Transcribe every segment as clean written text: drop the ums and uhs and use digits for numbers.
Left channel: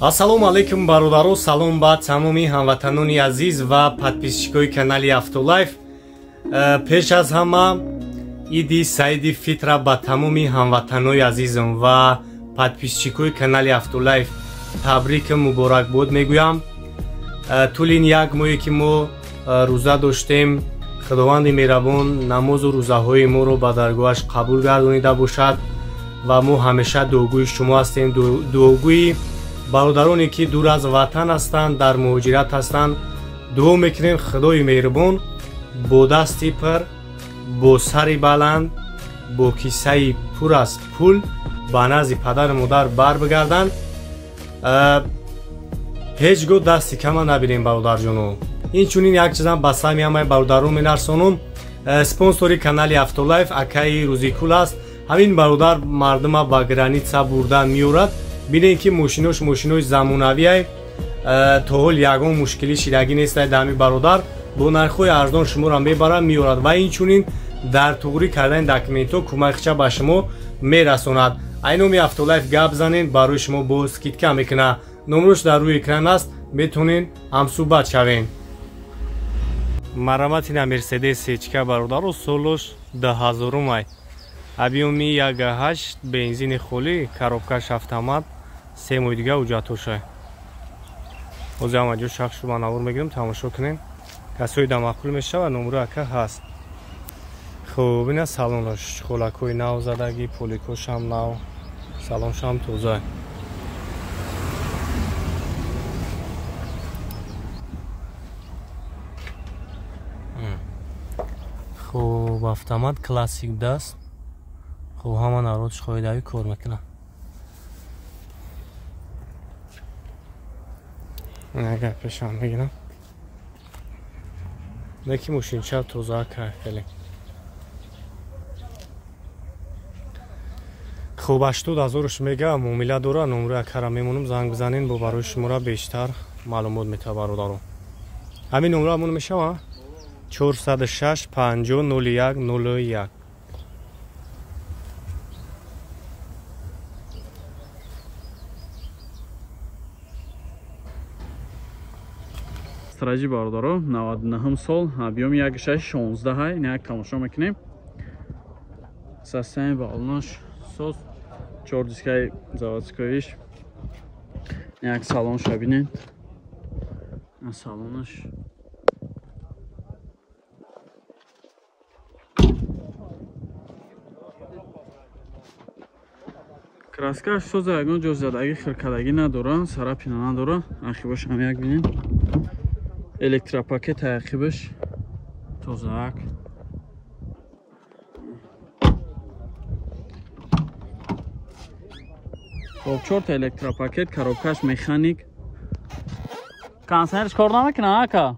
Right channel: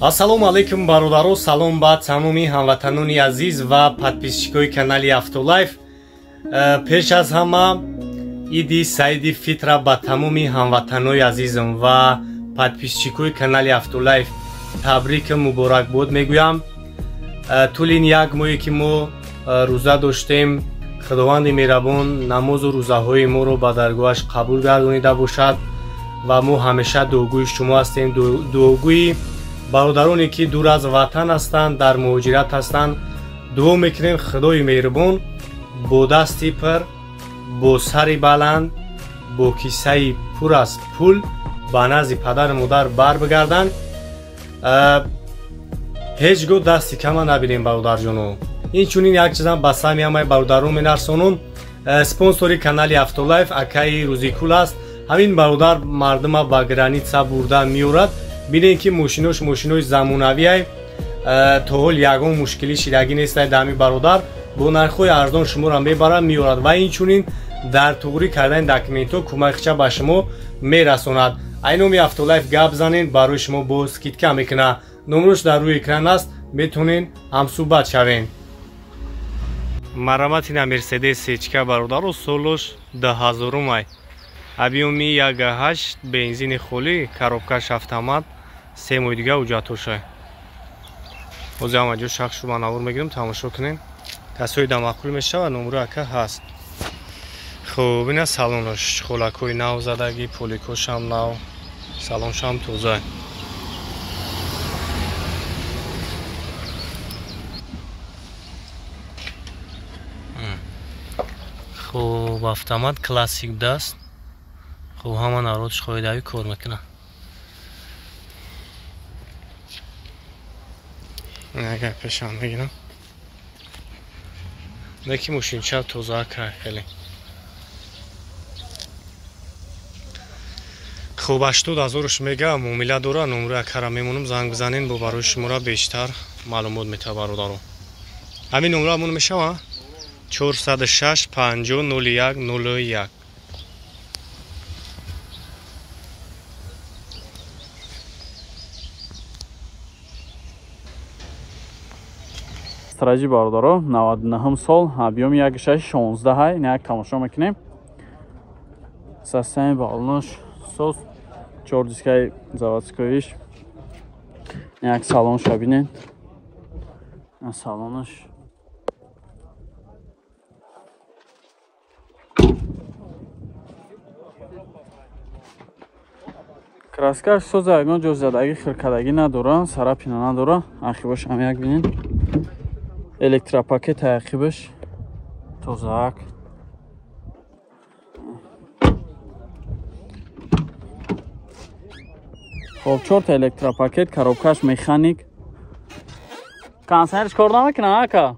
Ассалому алайкум бародаро, салом ба тамоми ҳамватанони азиз ва подписчикои канали Автолайф. Пеш аз ҳама иди Саиди Фитра ба тамоми ҳамватанои азизам ва подписчикои канали Автолайф табрик муборакбод мегӯям. Тӯли як моҳе ки мо рӯза доштем, худованди меҳрабон намозу рӯзаҳои моро ба даргоҳаш қабул гардонида бошад ва мо ҳамеша дуогӯи шумо ҳастем, дуогӯи бародароне ки дур аз ватан ҳастанд, дар муҳоҷират ҳастанд. дуо мекунем худои меҳрабон бо дасти пир, бо сари баланд, бо киссаи пур аз пул ба назди падару модар барбигарданд. ҳеҷ гоҳ дасти кама набинем бародарҷоно. Инчунин як чизам ба сами ҳамаи бародарон менарсонам. Спонсори канали Автолайф акаи Рӯзикул аст. ҳамин бародар мардума ба граница бурда меорад. бинем ки мошинои замонавиай то ҳол ягон мушкилӣ шидагӣ нестай. Дами бародар бо нархҳои арзон шуморо мебарад, меорад ва инчунин дар туғрӣ кардани документҳо кӯмакча ба шумо мерасонад. айноми Автолайф гап занед, барои шумо бо скидка мекунад. номрош дар рӯи экран аст, метонен ҳамсӯҳбат шавен. Мараматина Мерседес сечка бародаро, солош 2000-ай. объёми 1.8 бензини холӣ, коробкаш автомат, 3 моҳи дига ҳуҷҷатошай. ҳозир ҳама ҷо шахш шуба навор мегирам, тамошо кунем. касои дамақул мешавад, номро ака ҳаст. хуб, ина салонаш, холакҳои нав задагӣ, поликошам нав, салоншам тоза. хуб, автомат классик даст. хуб, ҳама народиш қоидави кор мекунад. агар пешам мегирам. неки мошинча тоза кар хеле. хуб, 80,000-ш мега муомила дора. номро акара мемонам, занг бизанен, бо барои шумора бештар маълумот метавад бародаро. ҳамин номро ҳамон мешава 406 50 01 01. Стражи бародаро, 99 сол, объёми 1.16, як тамошо мекунем. Системи балонош сос, 4 дискаи заводскоиш. Як салоншо бинед. Салонош краскаш соза ягон ҷо задагӣ хиркадагӣ надора, сарапина надора. ақибаш ҳам як бинед. электропакет ақибаш тозаак. хоб 4 электропакет, коробкаш механик. кондисионерш кор намекунад ака?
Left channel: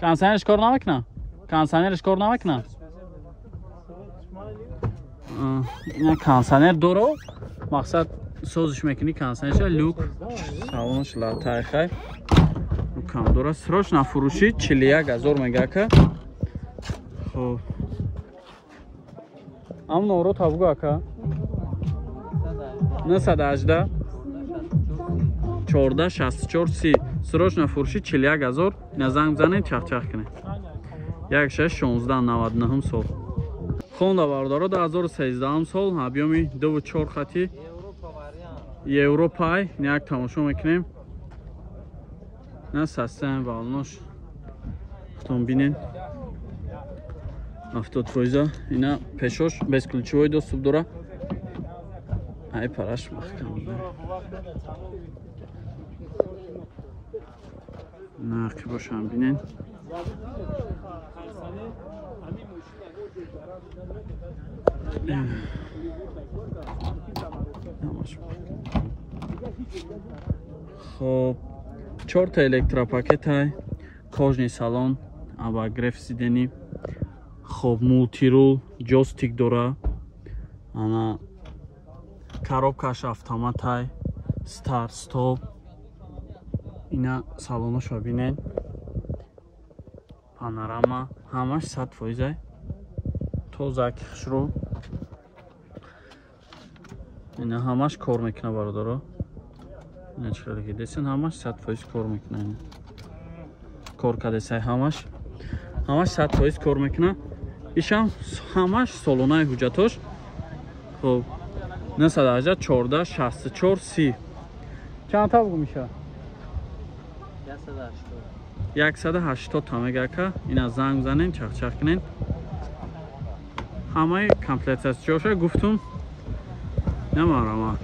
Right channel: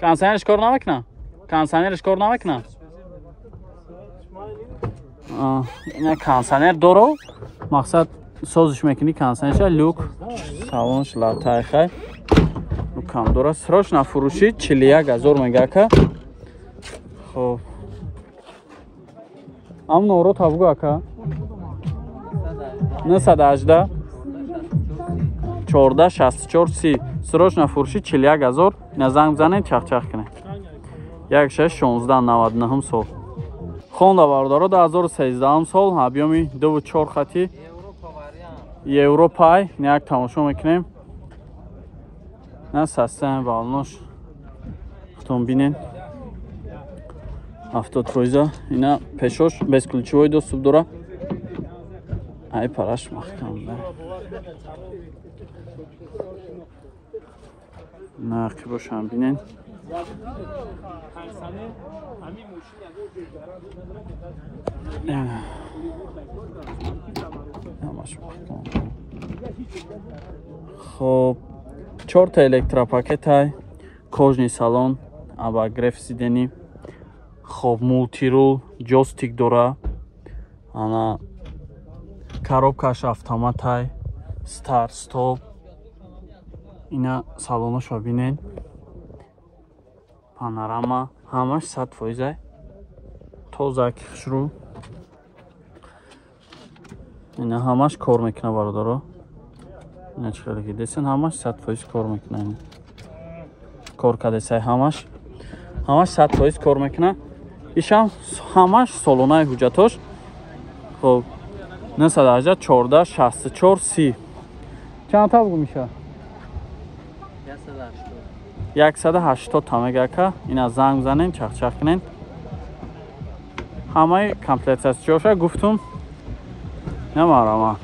кондисионерш кор намекунад? кондисионерш кор намекунад? ина кондисионер доро. мақсад созиш мекунӣ кондисионерша. люк салонш латайхай лукам дора. срочно фурӯшӣ 41,000 мегака. хоб, ам норо табгу ака 918 14 64 30. срочно фурӯшӣ 41,000. ина занг бизанед, чахчах кунед. 1616 99 сол. хонда бародаро 2013 сол, объёми 2.4 хати, европай. як тамошо мекунем. на системи балонош хутон бинен. автотройза ина пешош безключевой доступ дора. ай параш маҳкам да. на ақибошам бинен. хоб, 4 электропакетай, кожни салон, абагреф сидени. хоб, мултирул, ҷостик дора. ана коробкаш автоматай, старт стоп. ина салоношо бинед. панорама, ҳамаш 100%. тоза кишру. ина ҳамаш кор мекунад бародаро. نه چقدر که دستن همش 100% کار میکنه. کار کرده سه همش 100% کار میکنه. ایشم همش سالونه حجتاش. خب 918 14 64 30 چند تا بگو میشه؟ 180 تا میگه که اینا زنگ بزنین چخ کنین. همه کامپلیت است. جوشه گفتم نمارم.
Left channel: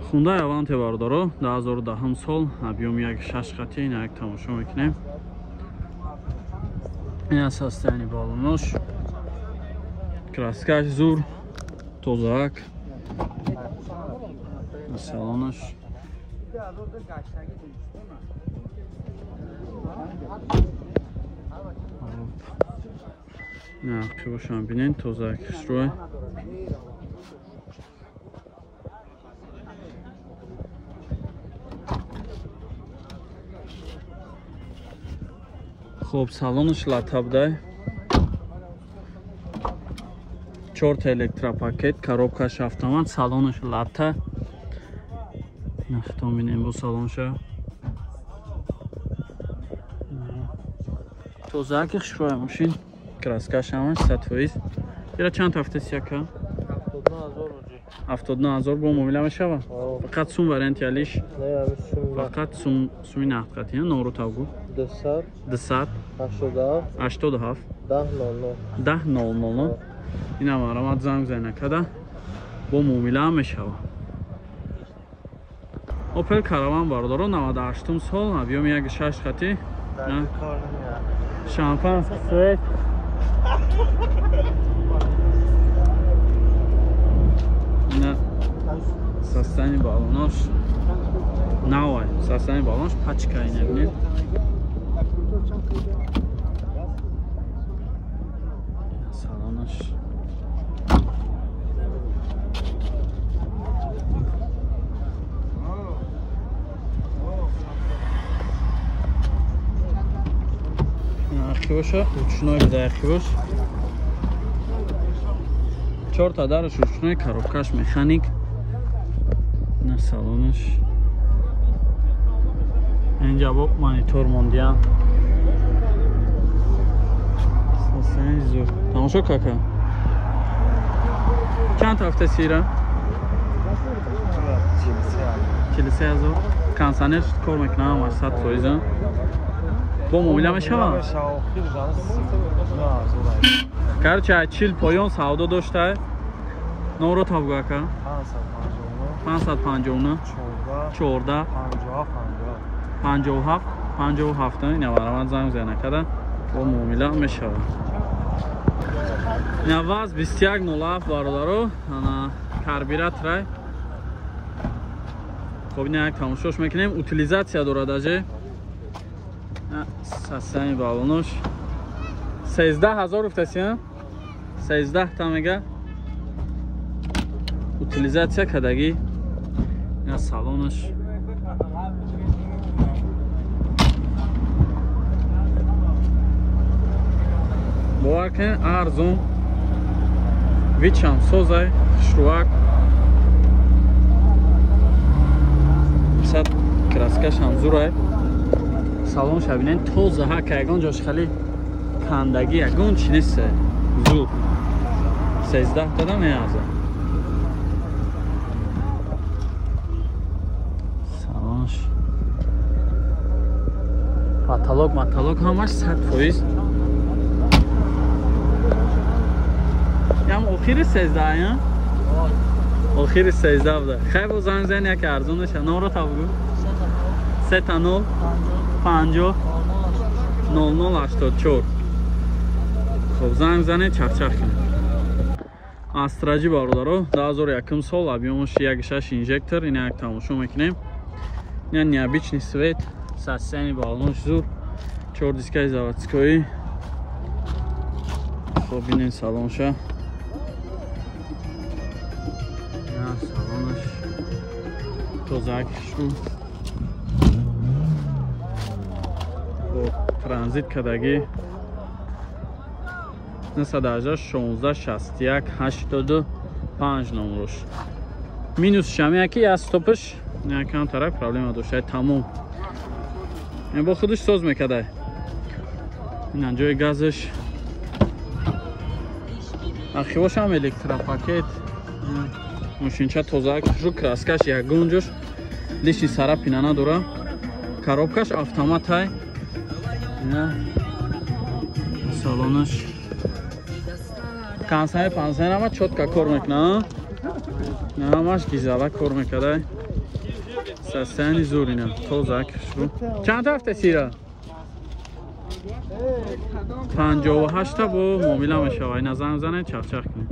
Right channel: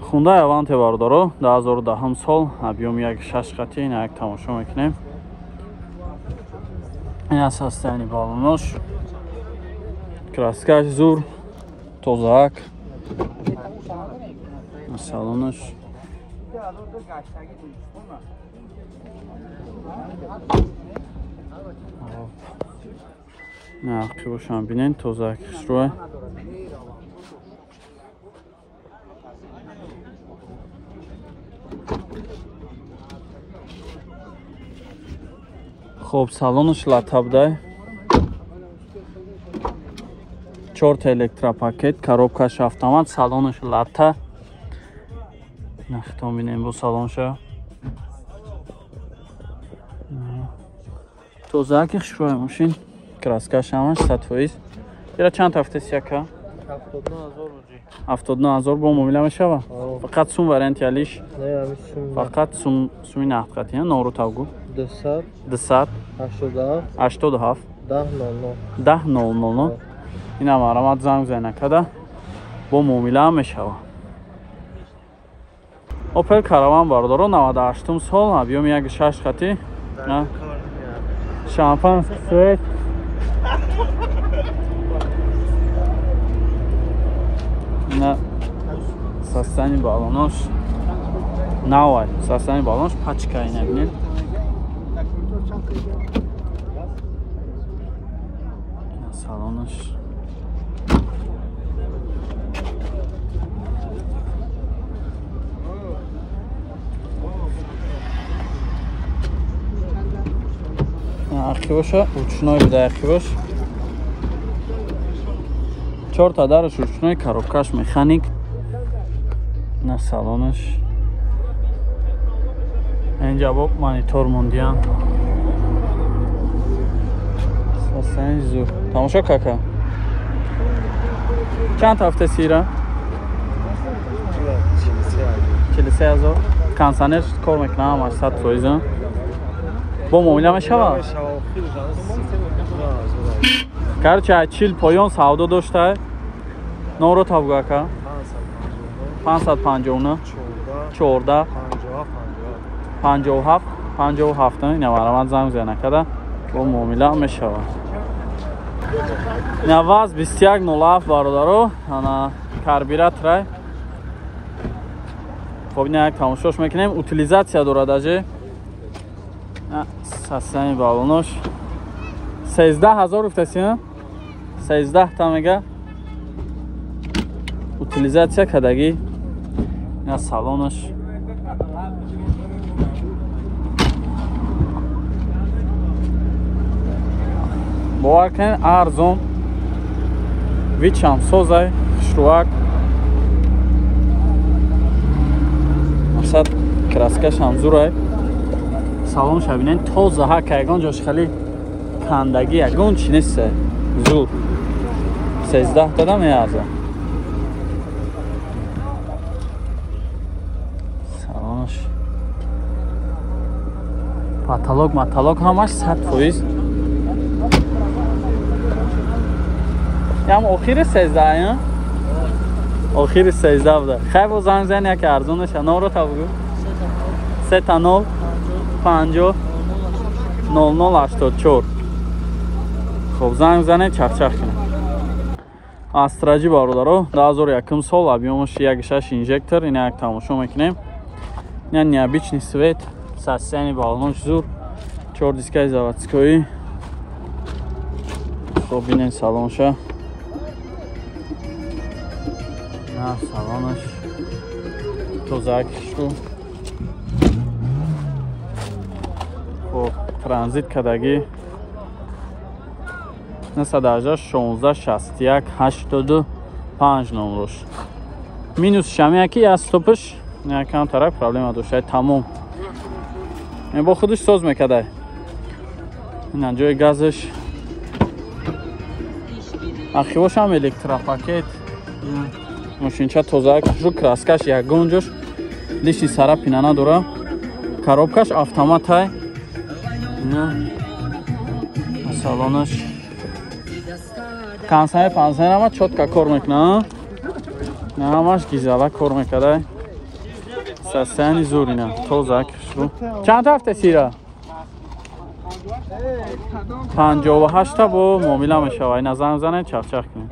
خونده اوانت باردارو 2010 سال ابیوم یک 6 قطعه این یک تماشا میکنیم. این اساستانی بالونش کراسکاش زور توزاک سالونش نه قیبوشان بینین توزاکش روی خب салонаш латабдай 4 та электропакет, коробкаш автомат, салонаш лата. Нахтом бинем бо салонша. Тозакиш рои машин, краскаш ҳамаш 100%. Ира чанд ҳафтаси яка? 79000 бо муомила мешава? Фақат сум варианти алиш? Фақат суми нақдқати, номро тавгу. 200 87 1000 اینا مرامت زنگ زنه کده با مومیله هم میشوه. اوپل کاروان باردارو 98 سال ابیوم یک 6 خطی شامپان سویت اینا سستانی بالوناش نوای سستانی بالوناش پچکه اینه بینید salonаш архивоша ручной бида архивош 4 та дараш ручной коробкаш механик на салонаш инҷа бо монитор мондиан сасани зур тамошо кака чанд ҳафта сира 43000 консонер кор мекунам ҳамаш 100% бо муомила мешава карча 40 поён савдо дошта номро табгу ака 559 14 57 57 ина марамат занг зена када бо муомила мешава ина ваз 2107 бародаро ана карбюратор хоб ина як тамошош мекунем утилизация дорад ажи сасани балонош 13000 уфтасина 13 та мега утилизация кадаги ина салонош бовар кунед арзон вичам созай хушрувак масад краскаш ҳам зурай салон шабинен тоза ҳака ягон ҷош хали кандаги ягон чи несте зур 13 дада меарза салонш маталок ҳамаш 100%. ям охири 13 охири 13 буда хай бо занг зани як арзонаш номро табгу 30 50 0084 хоб занг зане чахчах кунед астраҷи бародаро 2001 сол объёмаш 1.6 инжектор ина як тамошо мекунем ина необычный свет сасяни балонш зур 4 дискаи заводскои хоб бинен салонша ина салонаш тозакишу хоб транзит кадаги 918 16 61 85 номрош минус шамияки аз стопаш якам тарак проблема доштай тамом бо худаш соз мекардай ин ҷои газаш ахивошам электропакет мошинча тоза жу краскаш ягон ҷош лиши сара пинана дора коробкаш автоматай салонаш кансами пансайнама чотка кор мекунад намаш гизала кор мекардай састани зурина тоза кишру чанд ҳафта сира 58 бо муомила мешава ина занг занед чахчах кунед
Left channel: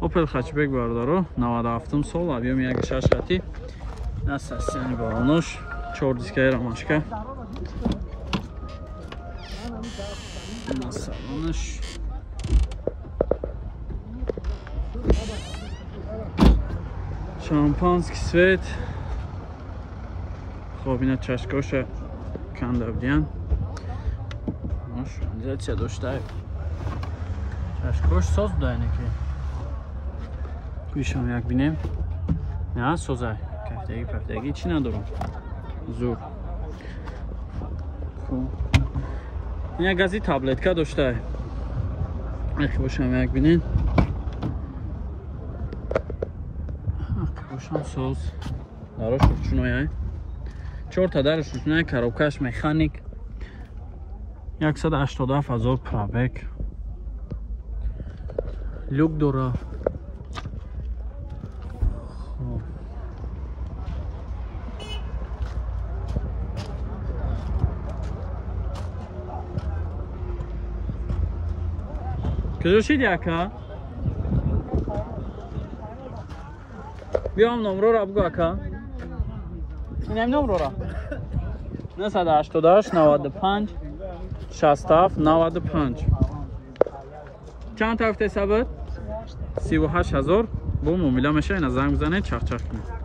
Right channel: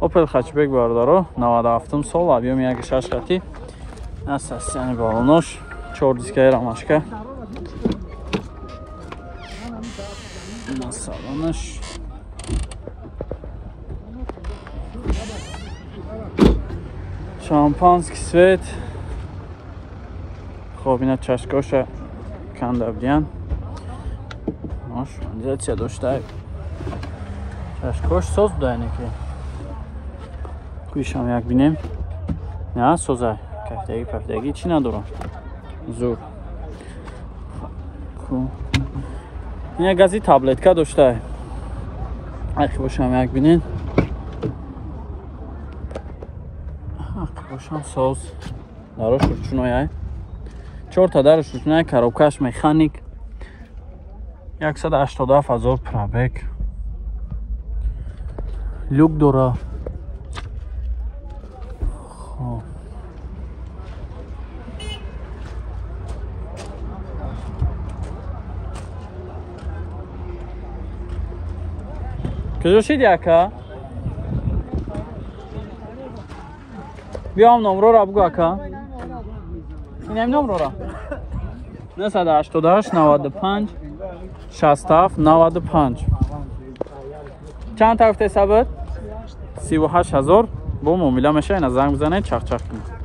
опел хачбек бародаро 97 сол объёми 1.6 хати састани балонош 4 дискаи рамашка на салонаш шампанский свет хоб ина чашкоша кандавдиян организация доштай чашкош соз будаянеку кӯишам як бинем на созай кафтаги пафтаги чӣ надорам зур ин гази таблетка доштай ақи бошам як бинем ақи бошам соз дарош ручнояй 4 та дарош ручнояй коробкаш механик 187,000 пробег люк дора کجا شید یکا؟ بیام نمرو را بگو اکا اینم نمرو را 988 95 67 95 چند تا هفته ثبت 38,000 با معامله میشه اینا زنگ بزنید چخ چخ کنید